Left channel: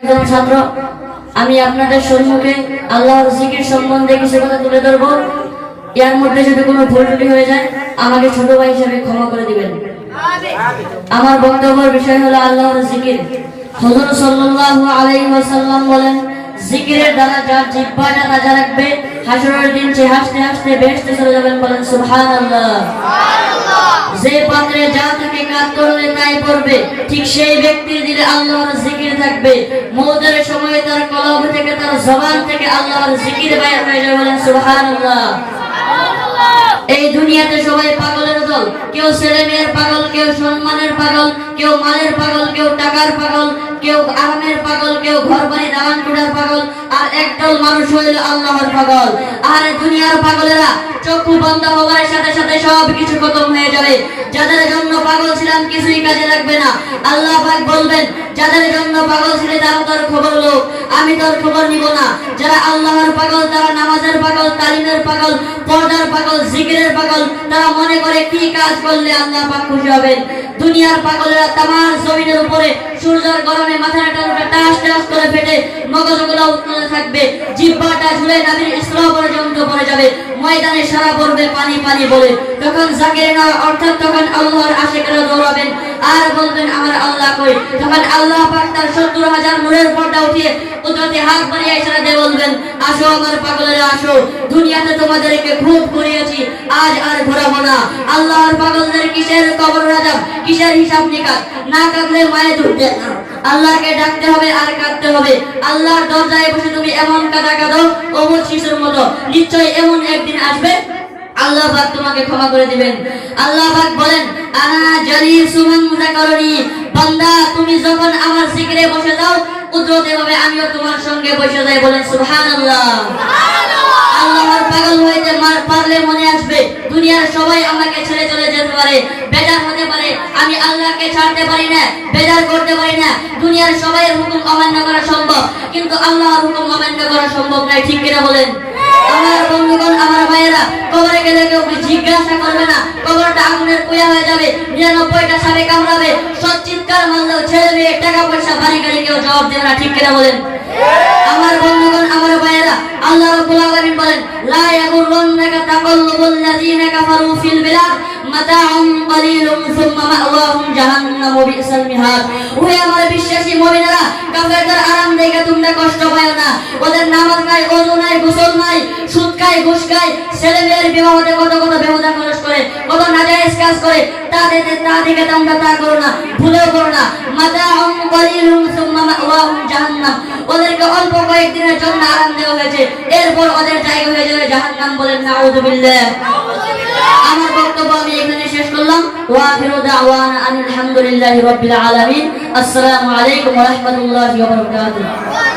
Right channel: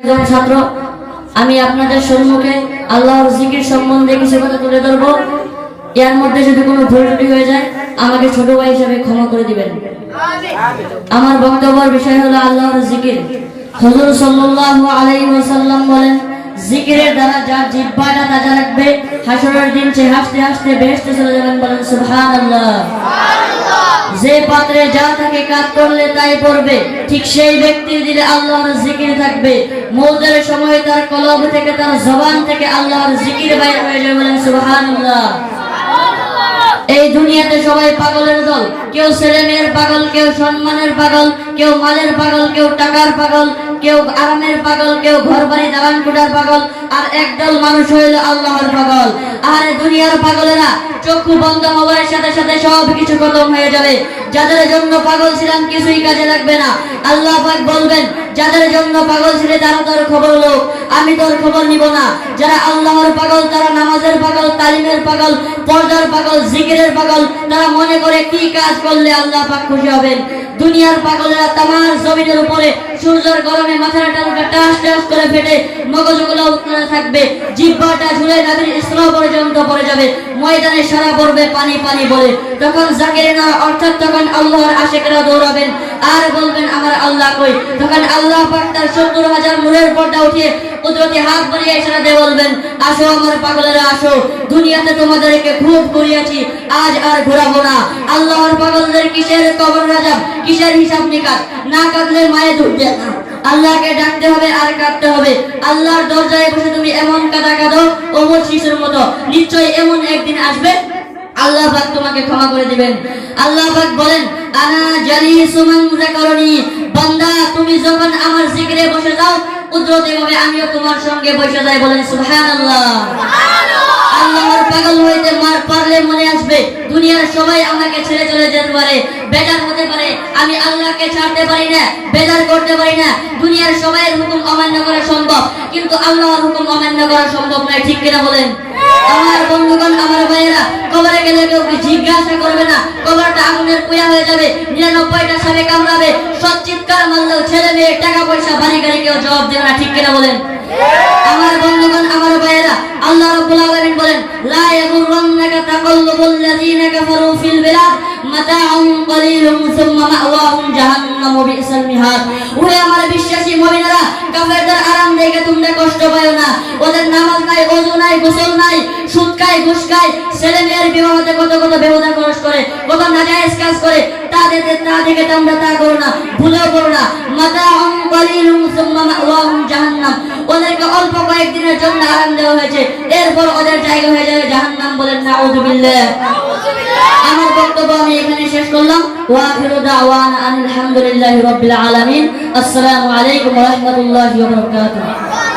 একজন ছাত্র, আমি আপনাদের সম্মুখে আল্লাহর জিকির সম্বন্ধে কিছু কথা তুলে ধরবো। এর মধ্যে যদি কোনো ভুল ত্রুটি হয়ে যায় আমাকে ছোট ভাই হিসেবে ক্ষমা করে দিবেন। আমার বক্তব্যের বিষয় হলো আল্লাহর জিকির। হুজুর সাল্লাল্লাহু আলাইহি ওয়াসাল্লাম বলেন, জিকিরের দ্বারা যার জিহ্বাটা তাজা রাখবে, হাসরের দিন সে হাসতে হাসতে বেহেশতে চলে যাবেন। বলেন সুবহানাল্লাহ। যে পাত্রে যা থাকে কাজ করলে তাই পড়বে, ঠিক সেই ব্যক্তির দিলে আল্লাহর জিকির থাকবে। মওতের সময় তার কলব থেকে, তার জবান থেকে আল্লাহর জিকির বাইর হয়ে যাবে। বলেন সুবহানাল্লাহ। এই দুনিয়াতে সবাই পাগলের দল, কেউ ছেলে মেয়ের পাগল, কেউ সম্মানের পাগল, কেউ মালের পাগল, কেউ টাকার পাগল, কেউ আরামের পাগল, কেউ ঘর বাড়ি দালান কোঠার পাগল, আর একদল মানুষ হইল আল্লাহর পাগল। আর দুনিয়ার পাগলেরা চক্ষু বন্ধ হওয়ার সাথে সাথে সব কিছু খতম হয়ে যাবে। যাদের জন্য পাগল ছিলাম কিছুই কাজে লাগবে না। আল্লাহ পাক বলবেন, যাদের জন্য পাগল ছিলে তারা তোর খবর লোক, আমি তোর খবর নিব না। যারা আল্লাহর পাগল, তারা নামাজের পাগল, তালিমের পাগল, পর্দার পাগল, জিকিরের পাগল, তারা মনে করে কি কাজ করলে আল্লাহ পাক খুশি হবেন। দুনিয়ার পাগলেরা তামার জমিনের উপরে সূর্যের গরমে মাথার টালুটা টাস টাস করে ফেটে মগজগুলো উত্তরে থাকবে, জিহ্বাটা ঝুলে নাভির স্তর পর্যন্ত পড়ে যাবে, ময়দানে সারা পড়বে পানি পানি বলে। তখন জাকিরিনা অর্থাৎ তখন আল্লাহর আশিকেরা দৌড়াবেন আর বলবেন আমার আল্লাহ কই। তখন আল্লাহ পাক তার ৭০,০০০ নূরের পর্দা উঠিয়ে কুদরতি হাত বাড়িয়ে ইশারা দিয়ে বলবেন, আসো আমার পাগলেরা আসো, দুনিয়াতে তোমাদেরকে খুব করিয়েছি, আজ আর ঘোরাবো না। আল্লাহর পাগলদের কিসের কবর রাজাব, কিসের হিসাব নিকাশ, না কাঁদলে মায়ে দুধ দেয় না। আল্লাহকে ডাকতে হবে আর কাঁদতে হবে। আল্লাহর দরজায় বসে তুমি এমন কাঁদা কাঁদো অবুঝ শিশুর মতো, নিশ্চয়ই এমন একদিন আসবে আল্লাহ পাক তোমাকে ক্ষমা করে দিবেন। আল্লাহ পাক বলেন, আনা জালিসু মান যাকারনি, বান্দা তুমি যখন আমার জিকিরে বসে যাও কুদরতে ভাবে আমিও তোমার সঙ্গে বসে যাই। বলেন সুবহানাল্লাহ। আল্লাহর পাগল হইতে পারলে মনে আসবে দুনিয়ার সবাই আমাকে ছেড়ে চলে যেতে পারে, বেজার হতে পারে, আমি আল্লাহকে ছাড়তে পারি না, বেজার করতে পারি না। দুনিয়ার সবাইয়ের হুকুম অমান্য করা সম্ভব, কিন্তু আল্লাহর হুকুম অমান্য করা সম্ভব নয়। ঠিক কিনা বলেন? আমার বন্ধুগণ, আমার ভাইয়েরা, কবরে গেলে কেউ জিজ্ঞাসা করবে না, কবরটা আগুনের কুয়া হয়ে যাবে, ৯৯টা সাপে কামড়াবে, সচ্চিৎকার মারলেও ছেলে মেয়ে টাকা পয়সা বাড়ি গাড়ি কেউ জবাব দেবে না। ঠিক কিনা বলেন? আমার বন্ধুগণ, আমার ভাইয়েরা, আল্লাহ রাব্বুল আলামিন বলেন, লা ইয়াগুররান্নাকা তাকাল্লুবুল লাযিনা কাফারু ফিল বিলাদ মাতাউন কালিলুন সুম্মা মাওয়াহুম জাহান্নাম ওয়া বিসাল মিহাদ। ওহে আমার বিশ্বাসী মুমিনেরা, কাফেরদের আরাম দেখে তোমরা কষ্ট পাও না। ওদের নামাজ নাই, ওযু নাই, গোসল নাই, সুদ খায়, ঘুষ খায়, ছেলে মেয়ের বিবাহতে কত কত বেহুদা খরচ করে, কত নাজায়েজ কাজ করে, তা দেখে তোমরা তা করো না, ভুলেও করো না। মাতাউন কালিলুন সুম্মা মাওয়াহুম জাহান্নাম, ওদেরকে অল্প কয়েকদিনের জন্য আরাম দেওয়া হয়েছে, এরপর ওদের জায়গা হয়ে যাবে জাহান্নাম। বলেন নাউযুবিল্লাহ। আমার বক্তব্য আমি এখানে শেষ করলাম। ওয়া আখিরু দাওয়ানা আলহামদুলিল্লাহি রাব্বিল আলামিন। আসসালামু আলাইকুম ওয়া রাহমাতুল্লাহি ওয়া বারাকাতুহু।